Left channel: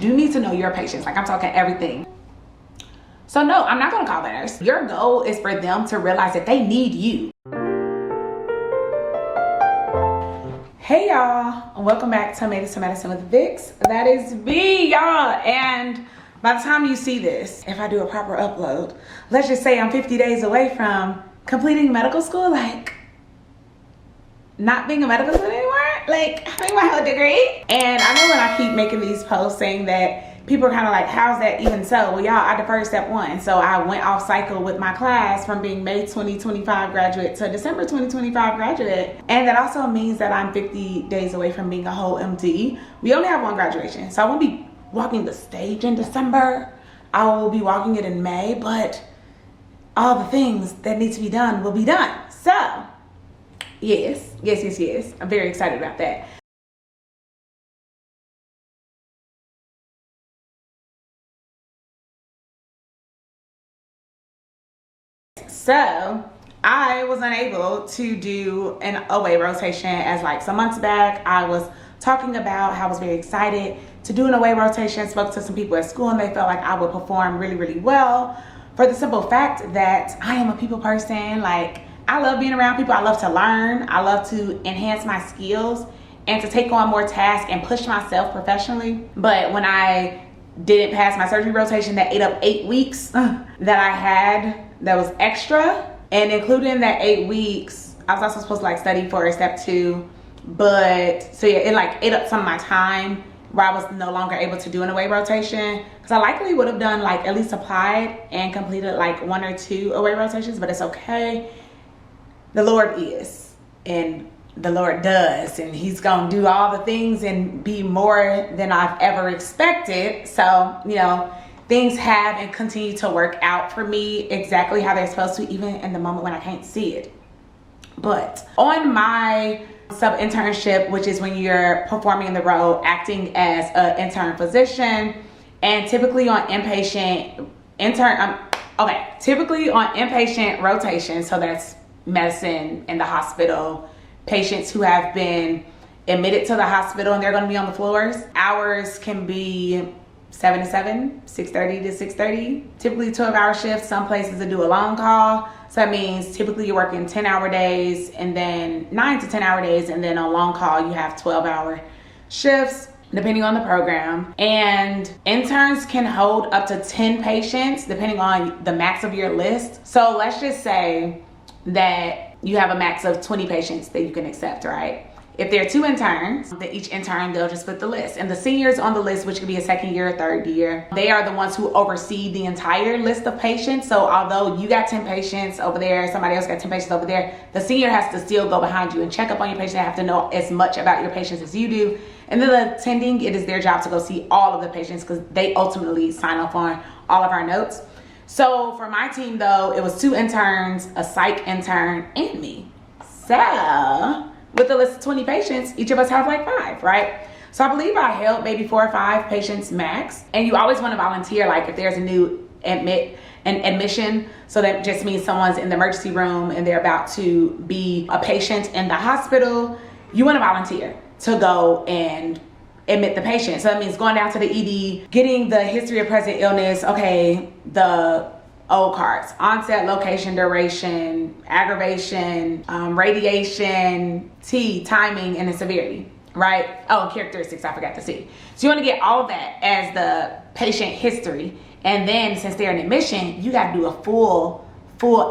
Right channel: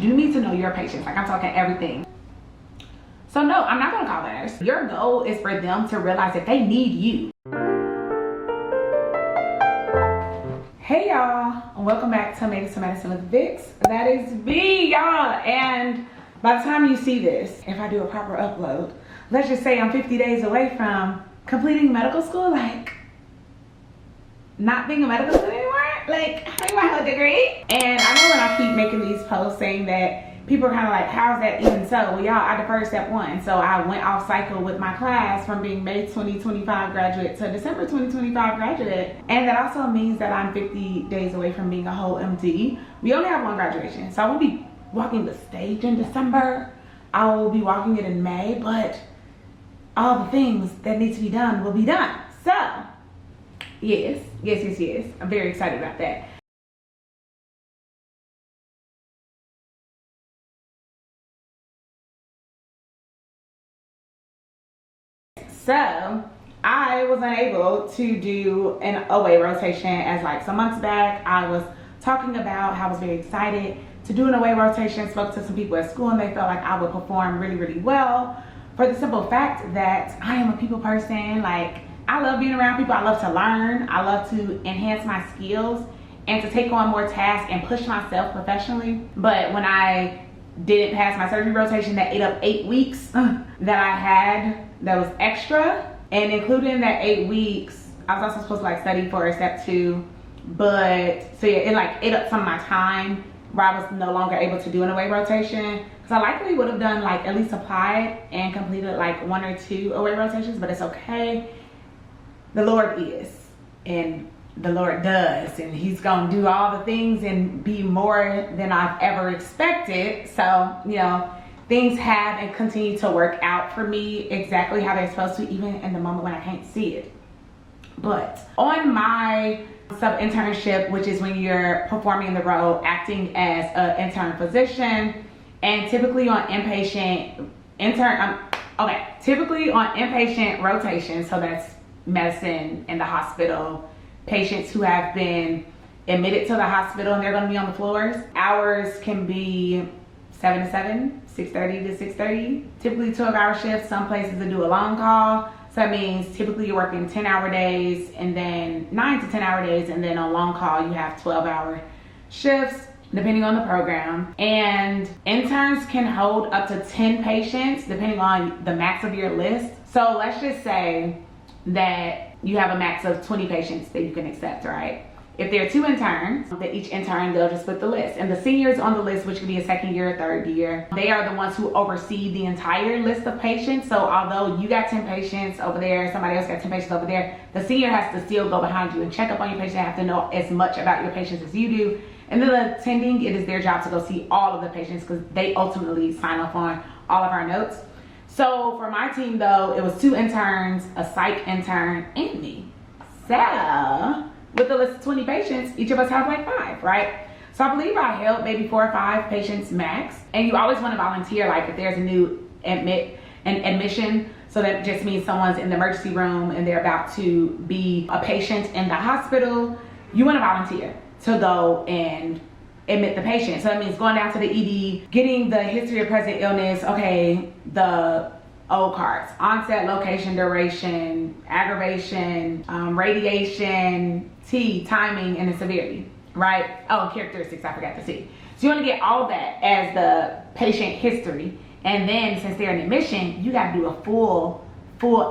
You need to know your patients. Like, I'm talking everything. So no, I'm not gonna call the nurse. Your goal is for them to realize that they need you. Hey y'all, welcome back to Made Into Medicine with Vix. That is V, y'all. And by the time you see this, if I do a proper upload, let's just say I'm 50 days away from completing medical school, like not being a medical student anymore, like having my whole degree. And I know when I keep making these posts saying that people are kind of like, how's that even so? Well, y'all, I deferred step one. So I went off cycle with my class from being May 2025 graduate to December 2025 graduate. And that also means that I'm 50 days away from being a whole MD. We only have one graduation. So I won't be walking the stage in December. I will be walking it in May, but all the things that need to be done will be done. So yes. I'm very excited about that. So I was unable to do an away rotation as like some months back. I was talking about how I was very excited to do an away rotation. Spoke to some people at school and they felt like I would perform really, really well for the simple fact that I am a people person. Like, I love being around people. I love to learn. I love to enhance my skills and to take on more tasks and push myself professionally. But when I didn't pass my surgery rotation, that ate up 8 weeks that I had that was extra. And including that 8 weeks, I was also supposed to like study for step 2. But so yeah, it like ate up some of my time where I was no longer able to do an away rotation. Because I likely would have done like at least applied and completed like 1 or 2 away rotations, but it's okay. The Lord is, and the Lord does, and he's gonna do all the things and be more than I've ever expected. So, you know, things have and continue to work out for me exactly how they're supposed to, even in the moment when I can't see it. But on my sub-internship, which is when you're performing in the role, acting as an intern physician, and typically on inpatient rotation, so that's medicine in the hospital, patients who have been admitted to the hospital and they're going to be on the floors. Hours can be 7 to 7, 6:30 to 6:30, typically 12-hour shifts. Some places that do a long call, so that means typically you're working 10-hour days and then 9 to 10-hour days, and then on long call you have 12-hour shifts depending on the program. And interns can hold up to 10 patients depending on the max of your list. So let's just say that you have a max of 20 patients that you can accept, right? If there are 2 interns, then each intern, they'll just put the list. And the seniors on the list, which could be a second year or third year, they are the ones who oversee the entire list of patients. So although you got 10 patients over there, somebody else got 10 patients over there, the senior has to still go behind you and check up on your patient. They have to know as much about your patients as you do. And then the attending, it is their job to go see all of the patients because they ultimately sign off on all of our notes. So for my team though, it was 2 interns, a psych intern, and me. So with the list of 20 patients, each of us have like 5, right? So I believe I held maybe 4 or 5 patients max. And you always want to volunteer, like if there's a new admission, so that just means someone's in the emergency room and they're about to be a patient in the hospital, you want to volunteer to go and admit the patient. So that means going down to the ED, getting the history of present illness, okay, the old cards, onset, location, duration, aggravation, radiation, timing, and the severity, right? Oh, and characteristics, I forgot to see. So you want to get all that as the patient history. And then since they're in admission, you got to do a full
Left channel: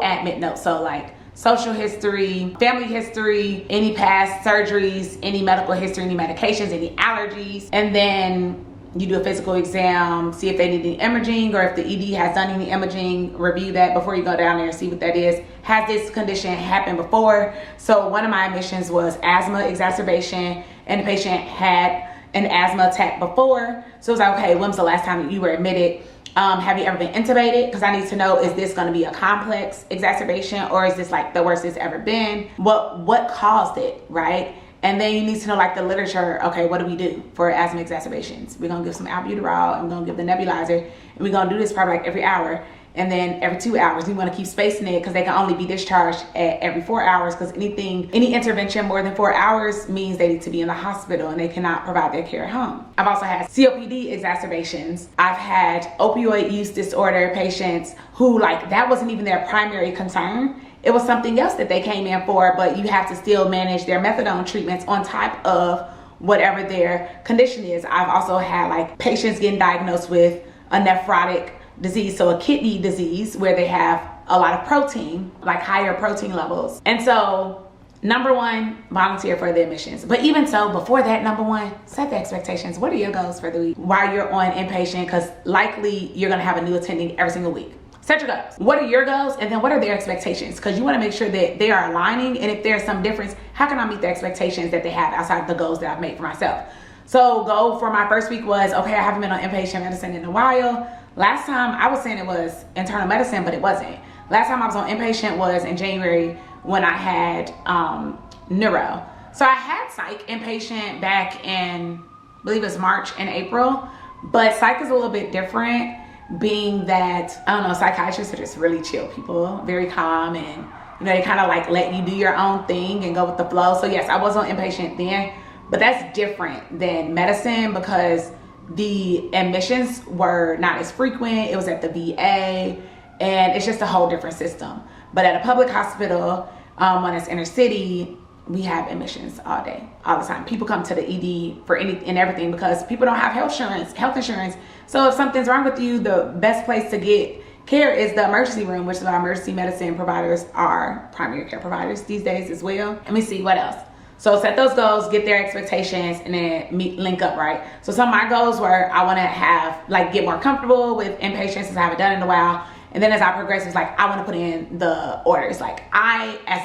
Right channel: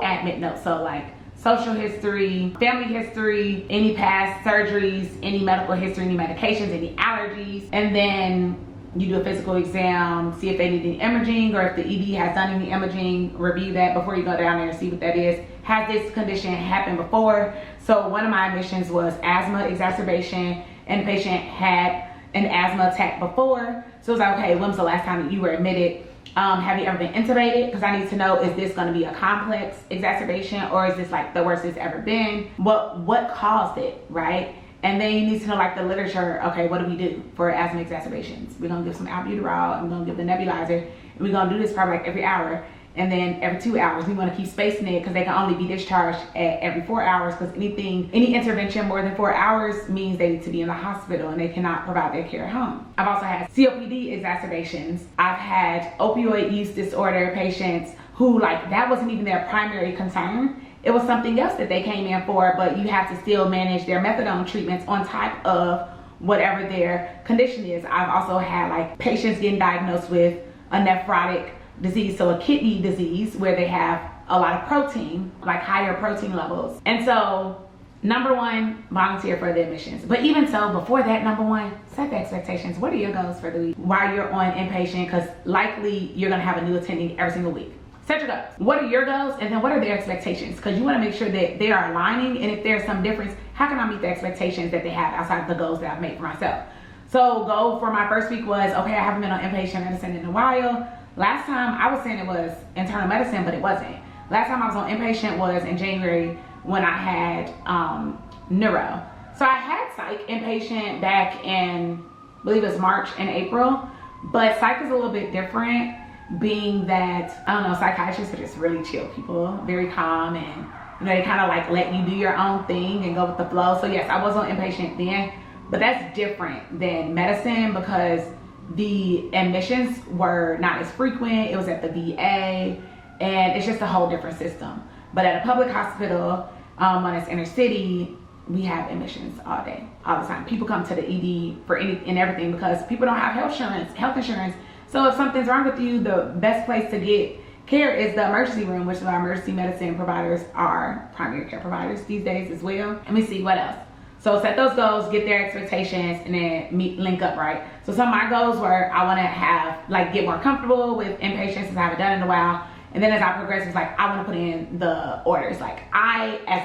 admit note. So like social history, family history, any past surgeries, any medical history, any medications, any allergies. And then you do a physical exam, see if they need any imaging, or if the ED has done any imaging, review that before you go down there and see what that is. Has this condition happened before? So one of my admissions was asthma exacerbation, and the patient had an asthma attack before. So it was like, okay, when was the last time that you were admitted? Have you ever been intubated? Because I need to know, is this going to be a complex exacerbation, or is this like the worst it's ever been? What caused it, right? And then you need to know like the literature. Okay, what do we do for asthma exacerbations? We're gonna give some albuterol, and we're gonna give the nebulizer, and we're gonna do this probably like every hour. and then every 2 hours. We want to keep spacing it because they can only be discharged at every 4 hours, because any intervention more than 4 hours means they need to be in the hospital and they cannot provide their care at home. I've also had COPD exacerbations. I've had opioid use disorder patients who, like, that wasn't even their primary concern. It was something else that they came in for, but you have to still manage their methadone treatments on top of whatever their condition is. I've also had like patients getting diagnosed with a nephrotic disease, so a kidney disease where they have a lot of protein, like higher protein levels. And so number one, volunteer for the admissions. But even so, before that, number one, set the expectations. What are your goals for the week while you're on inpatient? Because likely you're gonna have a new attending every single week. Set your goals. What are your goals? And then what are their expectations? Because you want to make sure that they are aligning. And if there's some difference, how can I meet the expectations that they have outside the goals that I've made for myself? So goal for my first week was, okay, I haven't been on inpatient medicine in a while. Last time I was saying it was internal medicine, but it wasn't. Last time I was on inpatient was in January when I had neuro. So I had psych inpatient back in, I believe it was March and April, but psych is a little bit different, being that, I don't know, psychiatrists are just really chill people, very calm, and you know, they kind of like let you do your own thing and go with the flow. So yes, I was on inpatient then, but that's different than medicine because the admissions were not as frequent. It was at the VA, and it's just a whole different system. But at a public hospital, when it's inner city, we have admissions all day, all the time. People come to the ED for any and everything because people don't have health insurance. So if something's wrong with you, the best place to get care is the emergency room, which is our emergency medicine providers are primary care providers these days as well. Let me see what else. So set those goals, get their expectations, and then link up, right? So some of my goals were I want to get more comfortable with inpatient since I haven't done it in a while. And then as I progress, it's like I want to put in the orders. Like I, as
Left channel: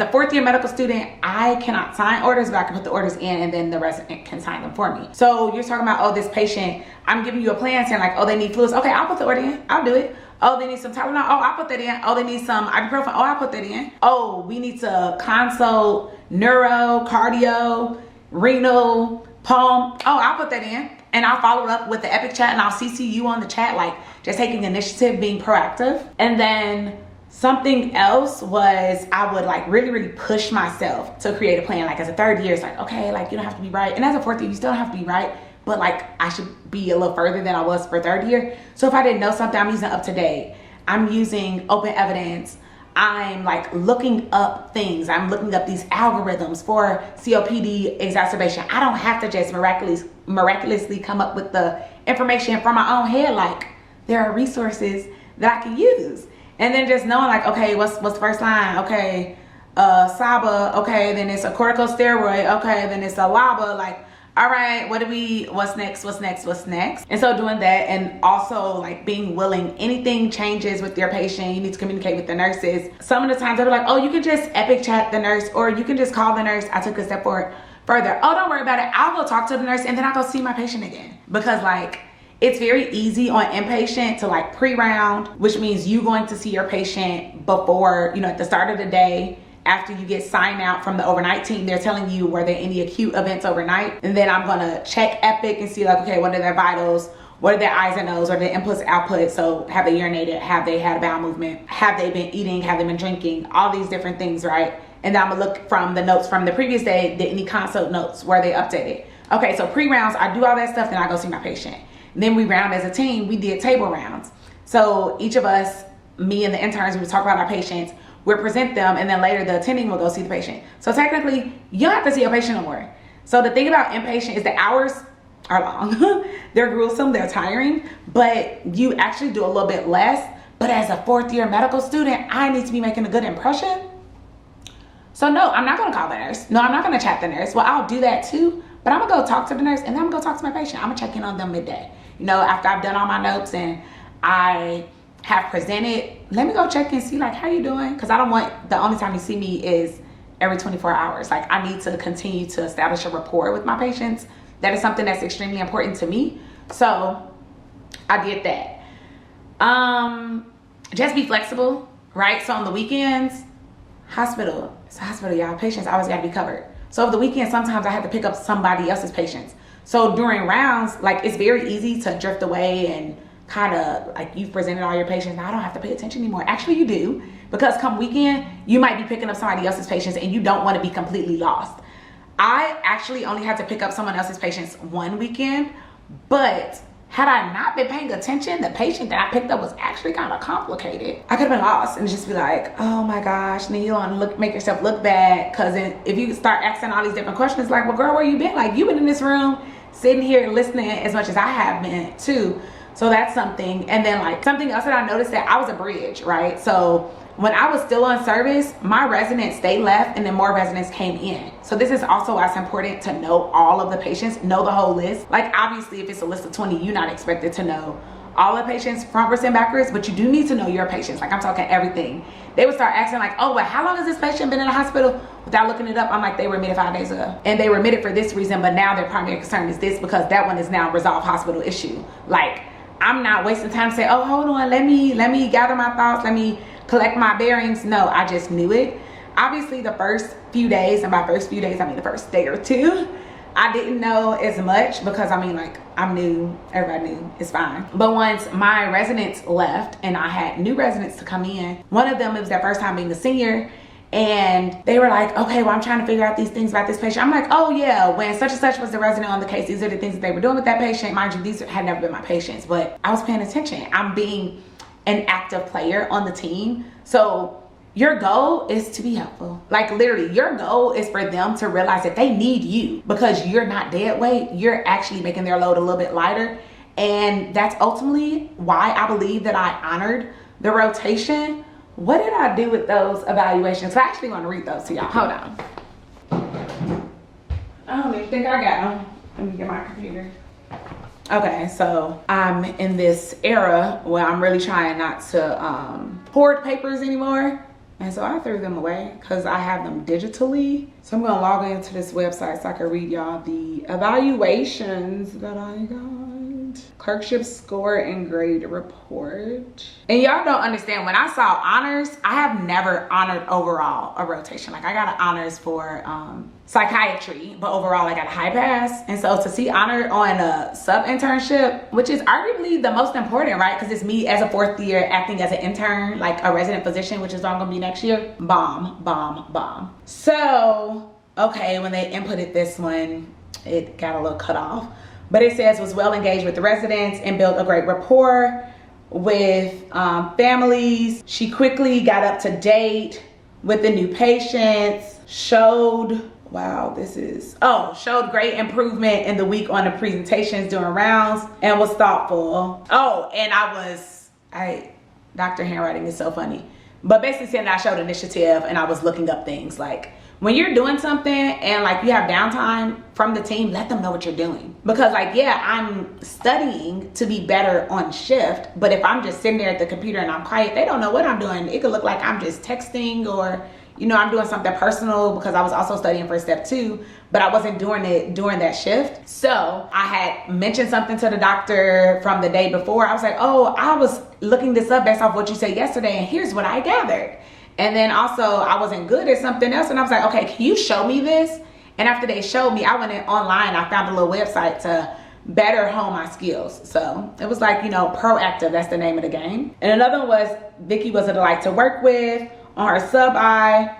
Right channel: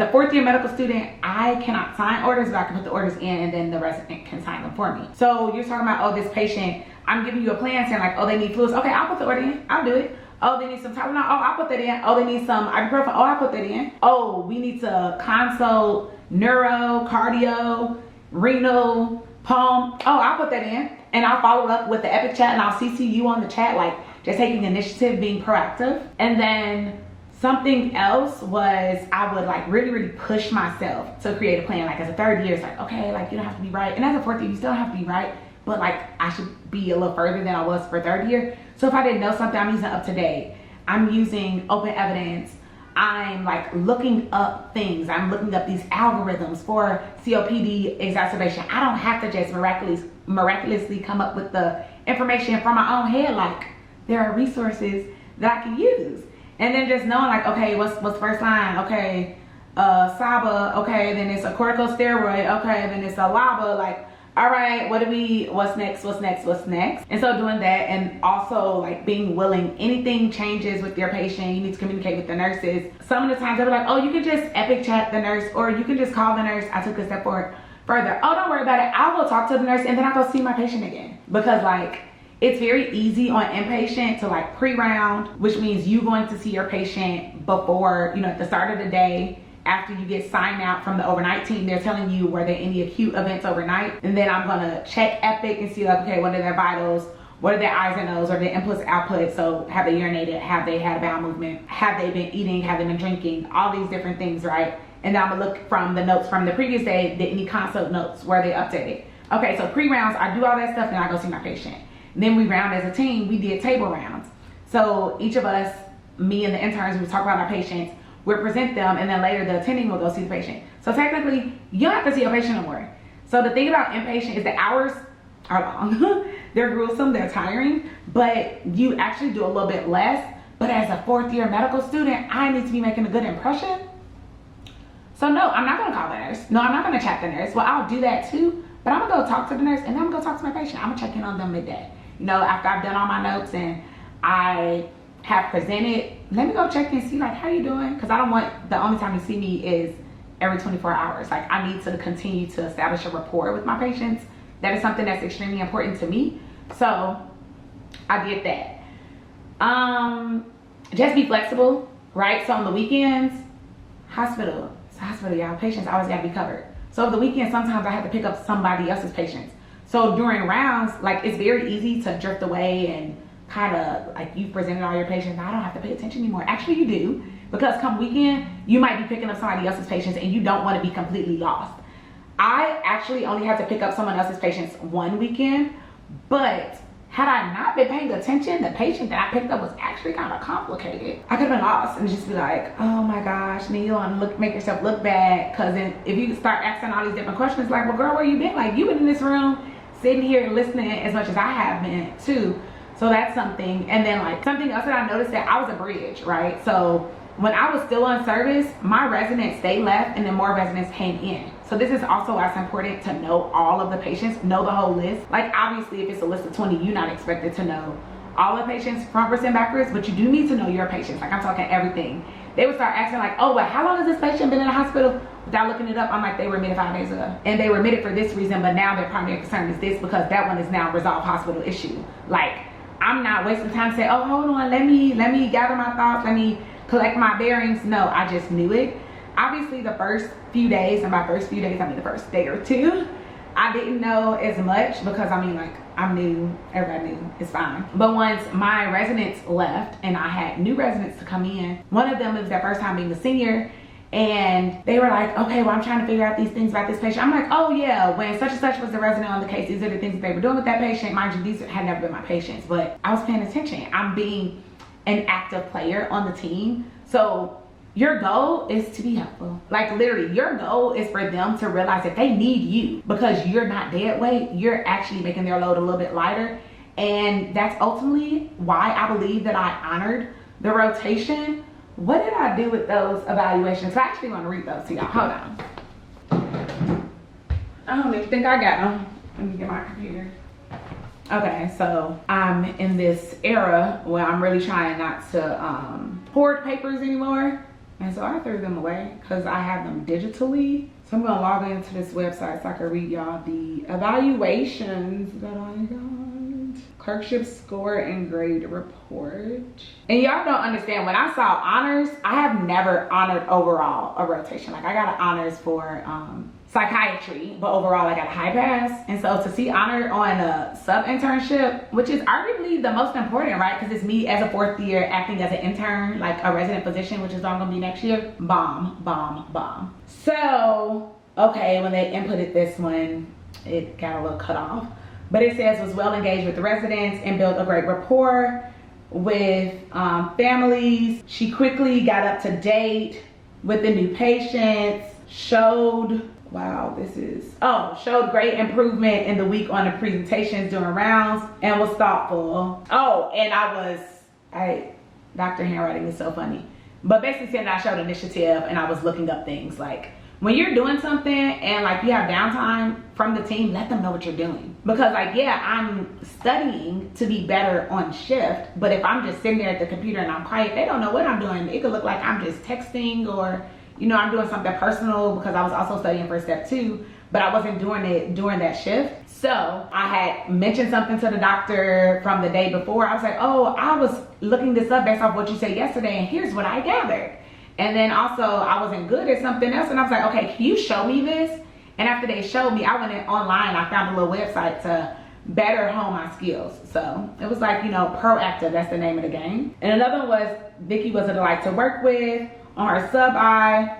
a fourth year medical student, I cannot sign orders, but I can put the orders in and then the resident can sign them for me. So you're talking about, oh, this patient, I'm giving you a plan saying like, oh, they need fluids. Okay, I'll put the order in. I'll do it. Oh, they need some Tylenol. Oh, I'll put that in. Oh, they need some ibuprofen. Oh, I'll put that in. Oh, we need to consult neuro, cardio, renal, palm. Oh, I'll put that in. And I'll follow up with the Epic chat and I'll CC you on the chat, like just taking initiative, being proactive. And then something else was I would like really, really push myself to create a plan. Like as a third year, it's like, okay, like you don't have to be right. And as a fourth year, you still don't have to be right. But like I should be a little further than I was for third year. So if I didn't know something, I'm using up to date. I'm using open evidence. I'm like looking up things. I'm looking up these algorithms for COPD exacerbation. I don't have to just miraculously come up with the information from my own head. Like there are resources that I can use. And then just knowing like, okay, what's the first line? Okay, SABA. Okay, then it's a corticosteroid. Okay, then it's a LABA. Like, all right, what's next? And so doing that, and also like being willing, anything changes with your patient, you need to communicate with the nurses. Some of the times they'll be like, oh, you can just Epic chat the nurse, or you can just call the nurse. I took a step further. Oh, don't worry about it. I'll go talk to the nurse and then I'll go see my patient again. Because like, it's very easy on inpatient to like pre-round, which means you going to see your patient before, at the start of the day. After you get signed out from the overnight team, they're telling you, were there any acute events overnight? And then I'm gonna check Epic and see like, okay, what are their vitals? What are their I's and O's? What are their inputs, outputs? So have they urinated? Have they had a bowel movement? Have they been eating? Have they been drinking? All these different things, right? And then I'm gonna look from the notes from the previous day, did any consult notes, were they updated? Okay, so pre-rounds, I do all that stuff, then I go see my patient. And then we round as a team, we did table rounds. So each of us, me and the interns, we would talk about our patients, we'll present them, and then later the attending will go see the patient. So technically, you don't have to see a patient no more. So the thing about inpatient is the hours are long. They're gruesome, they're tiring, but you actually do a little bit less. But as a fourth year medical student, I need to be making a good impression. So no, I'm not gonna call the nurse. No, I'm not gonna chat the nurse. Well, I'll do that too, but I'm gonna go talk to the nurse and then I'm gonna go talk to my patient. I'm gonna check in on them midday. After I've done all my notes and I have presented, let me go check and see like, how you doing? Because I don't want the only time you see me is every 24 hours. Like I need to continue to establish a rapport with my patients. That is something that's extremely important to me. So I did that. Just be flexible, right? So on the weekends, it's a hospital, y'all. Patients always gotta be covered. So over the weekend, sometimes I had to pick up somebody else's patients. So during rounds, like it's very easy to drift away and kind of like you've presented all your patients, now I don't have to pay attention anymore. Actually, you do, because come weekend, you might be picking up somebody else's patients and you don't want to be completely lost. I actually only had to pick up someone else's patients one weekend, but had I not been paying attention, the patient that I picked up was actually kind of complicated. I could have been lost and just be like, oh my gosh, and then you don't make yourself look bad, because if you start asking all these different questions, like, well, girl, where you been? Like, you've been in this room sitting here listening as much as I have been too. So that's something. And then like something else that I noticed, that I was a bridge, right? So when I was still on service, my residents, they left and then more residents came in. So this is also why it's important to know all of the patients, know the whole list. Like obviously if it's a list of 20, you're not expected to know all the patients frontwards and backwards, but you do need to know your patients. Like I'm talking everything. They would start asking like, oh, well, how long has this patient been in the hospital? Without looking it up, I'm like, they were admitted 5 days ago. And they were admitted for this reason, but now their primary concern is this because that one is now a resolved hospital issue. Like I'm not wasting time to say, oh, hold on, let me gather my thoughts, let me collect my bearings. No, I just knew it. Obviously the first few days, and by first few days, I mean the first day or two, I didn't know as much because I mean like I'm new, everybody knew, it's fine. But once my residents left and I had new residents to come in, one of them, it was their first time being a senior, and they were like, okay, well, I'm trying to figure out these things about this patient. I'm like, oh yeah, when such and such was the resident on the case, these are the things that they were doing with that patient. Mind you, these had never been my patients, but I was paying attention. I'm being an active player on the team. So your goal is to be helpful. Like literally, your goal is for them to realize that they need you because you're not dead weight. You're actually making their load a little bit lighter. And that's ultimately why I believe that I honored the rotation. What did I do with those evaluations? I actually want to read those to y'all. Hold on. I don't even think I got them. Let me get my computer. Okay, so I'm in this era where I'm really trying not to hoard papers anymore. And so I threw them away because I have them digitally. So I'm gonna log into this website so I can read y'all the evaluations that I got. Clerkship score and grade report. And y'all don't understand, when I saw honors, I have never honored overall a rotation. Like I got an honors for psychiatry, but overall I got a high pass. And so to see honor on a sub-internship, which is arguably the most important, right? Because it's me as a 4th year acting as an intern, like a resident physician, which is what I'm gonna be next year. Bomb, bomb, bomb. So, okay, when they inputted this one, it got a little cut off. But it says was well engaged with the residents and built a great rapport with families. She quickly got up to date with the new patients, showed great improvement in the week on the presentations during rounds, and was thoughtful. Oh, and Dr. Handwriting is so funny. But basically saying that I showed initiative and I was looking up things. Like when you're doing something and like you have downtime from the team, let them know what you're doing. Because like, yeah, I'm studying to be better on shift, but if I'm just sitting there at the computer and I'm quiet, they don't know what I'm doing. It could look like I'm just texting or, you know, I'm doing something personal because I was also studying for step 2, but I wasn't doing it during that shift. So I had mentioned something to the doctor from the day before. I was like, oh, I was looking this up based off what you said yesterday and here's what I gathered. And then also I wasn't good at something else and I was like, okay, can you show me this? And after they showed me, I went in online, I found a little website to better hone my skills. So it was like, you know, proactive, that's the name of the game. And another one was, Vicky was a delight to work with. On her sub-I,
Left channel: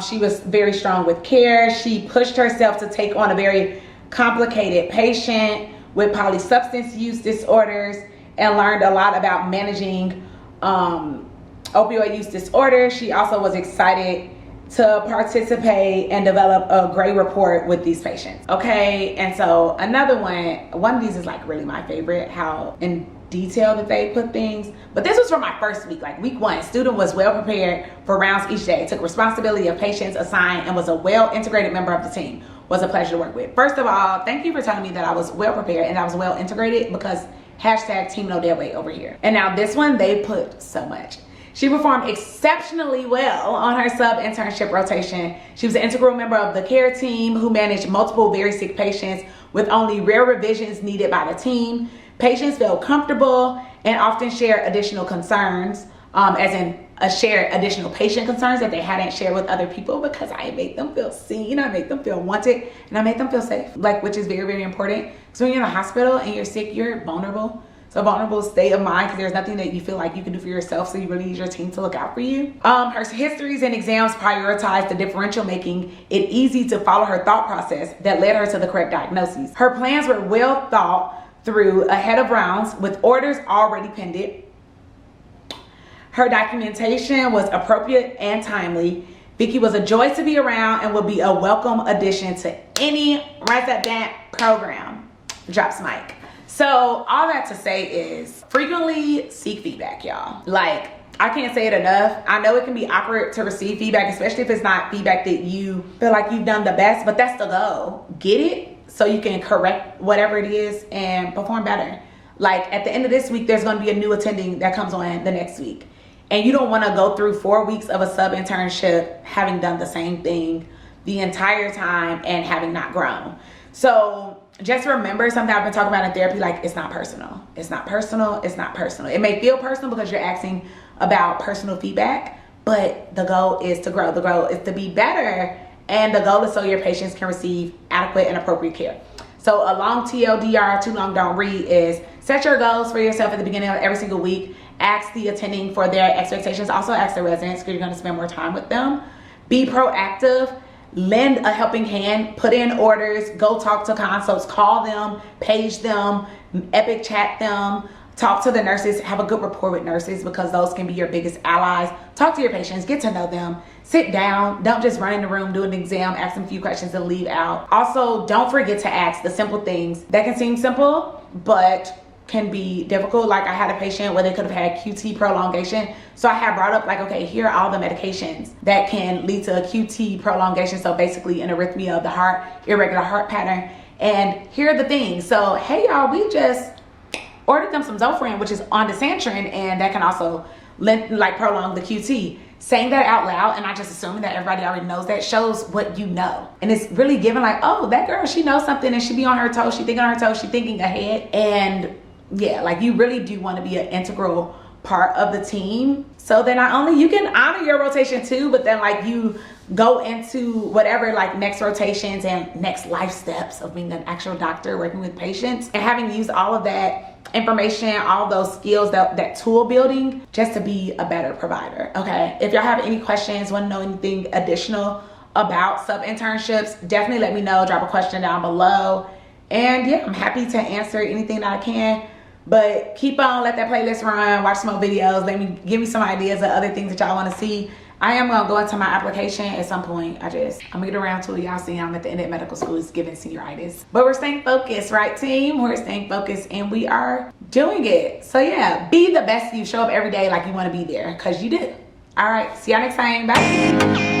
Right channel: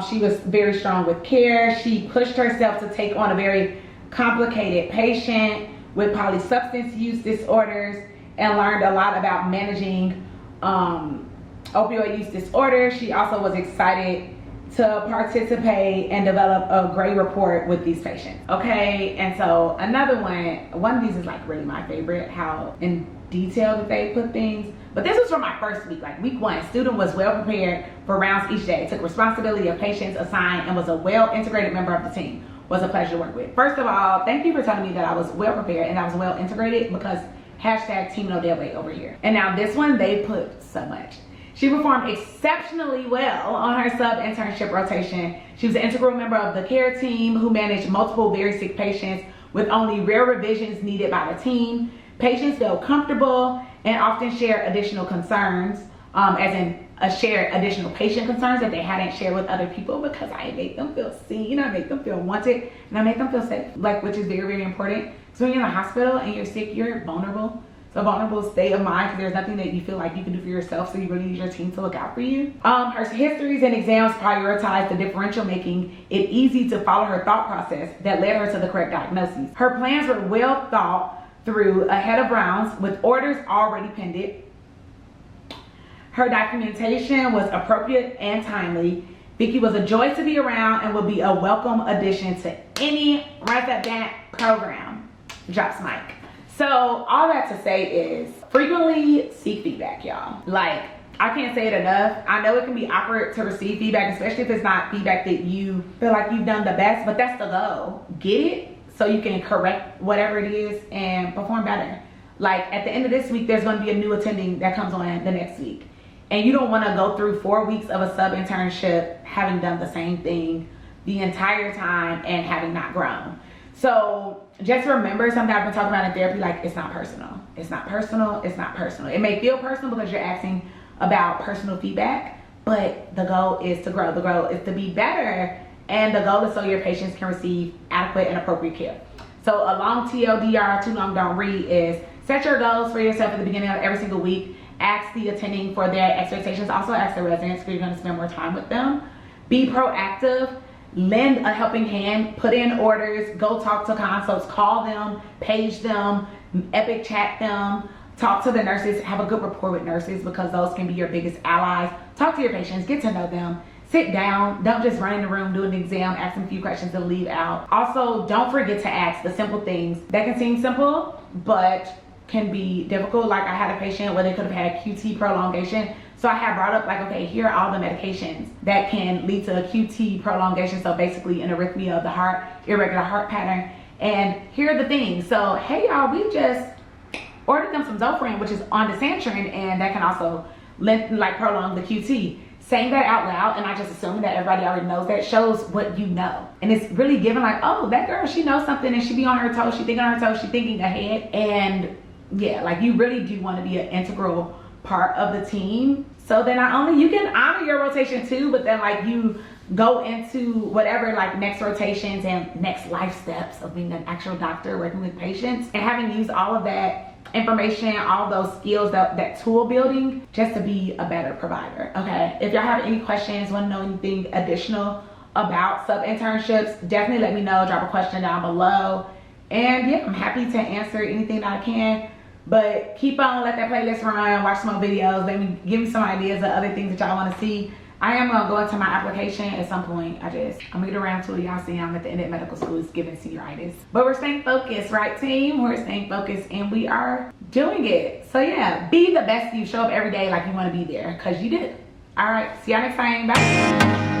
she was very strong with care. She pushed herself to take on a very complicated patient with polysubstance use disorders and learned a lot about managing opioid use disorder. She also was excited to participate and develop a great rapport with these patients. Okay, and so another one of these is like really my favorite, how in detail that they put things. But this was for my first week, like week 1. Student was well prepared for rounds each day, took responsibility of patients assigned, and was a well integrated member of the team. Was a pleasure to work with. First of all, thank you for telling me that I was well prepared and I was well integrated, because hashtag team no dead weight over here. And now this one, they put so much. She performed exceptionally well on her sub-internship rotation. She was an integral member of the care team who managed multiple very sick patients with only rare revisions needed by the team. Patients felt comfortable and often shared additional concerns, as in share additional patient concerns that they hadn't shared with other people, because I made them feel seen, I made them feel wanted, and I made them feel safe, like, which is very, very important. So when you're in a hospital and you're sick, you're vulnerable. It's a vulnerable state of mind because there's nothing that you feel like you can do for yourself, so you really need your team to look out for you. Her histories and exams prioritize the differential, making it easy to follow her thought process that led her to the correct diagnosis. Her plans were well thought through ahead of rounds with orders already pending. Her documentation was appropriate and timely. Vicky was a joy to be around and will be a welcome addition to any resident program. Drops mic. So all that to say is frequently seek feedback, y'all. Like, I can't say it enough. I know it can be awkward to receive feedback, especially if it's not feedback that you feel like you've done the best, but that's the goal. Get it so you can correct whatever it is and perform better. Like at the end of this week, there's gonna be a new attending that comes on the next week. And you don't wanna go through 4 weeks of a sub-internship having done the same thing the entire time and having not grown. So just remember something I've been talking about in therapy, like it's not personal. It's not personal, it's not personal. It may feel personal because you're asking about personal feedback, but the goal is to grow. The goal is to be better, and the goal is so your patients can receive adequate and appropriate care. So a long TLDR, too long don't read, is set your goals for yourself at the beginning of every single week. Ask the attending for their expectations. Also ask the residents because you're gonna spend more time with them. Be proactive. Lend a helping hand, put in orders, go talk to consults, call them, page them, epic chat them, talk to the nurses, have a good rapport with nurses because those can be your biggest allies. Talk to your patients, get to know them, sit down, don't just run in the room, do an exam, ask them a few questions and leave out. Also, don't forget to ask the simple things that can seem simple, but can be difficult. Like I had a patient where they could have had QT prolongation. So I had brought up like, okay, here are all the medications that can lead to a QT prolongation. So basically an arrhythmia of the heart, irregular heart pattern. And here are the things. So, hey y'all, we just ordered them some Zofran, which is ondansetron, and that can also prolong the QT. Saying that out loud and not just assuming that everybody already knows that shows what you know. And it's really giving like, oh, that girl, she knows something and she be on her toes, she thinking on her toes, she thinking ahead. And yeah, like you really do want to be an integral part of the team so that not only you can honor your rotation too, but then like you go into whatever like next rotations and next life steps of being an actual doctor working with patients and having used all of that information, all those skills, that tool building just to be a better provider. Okay, if y'all have any questions, want to know anything additional about sub-internships, definitely let me know. Drop a question down below, and yeah, I'm happy to answer anything that I can. But keep on, let that playlist run, watch some more videos, give me some ideas of other things that y'all want to see. I am gonna go into my application at some point. I'm gonna get around to it. Y'all see I'm at the end of medical school, is giving senioritis. But we're staying focused, right team? We're staying focused and we are doing it. So yeah, be the best you. Show up every day like you wanna be there, cause you do. All right, see y'all next time, bye.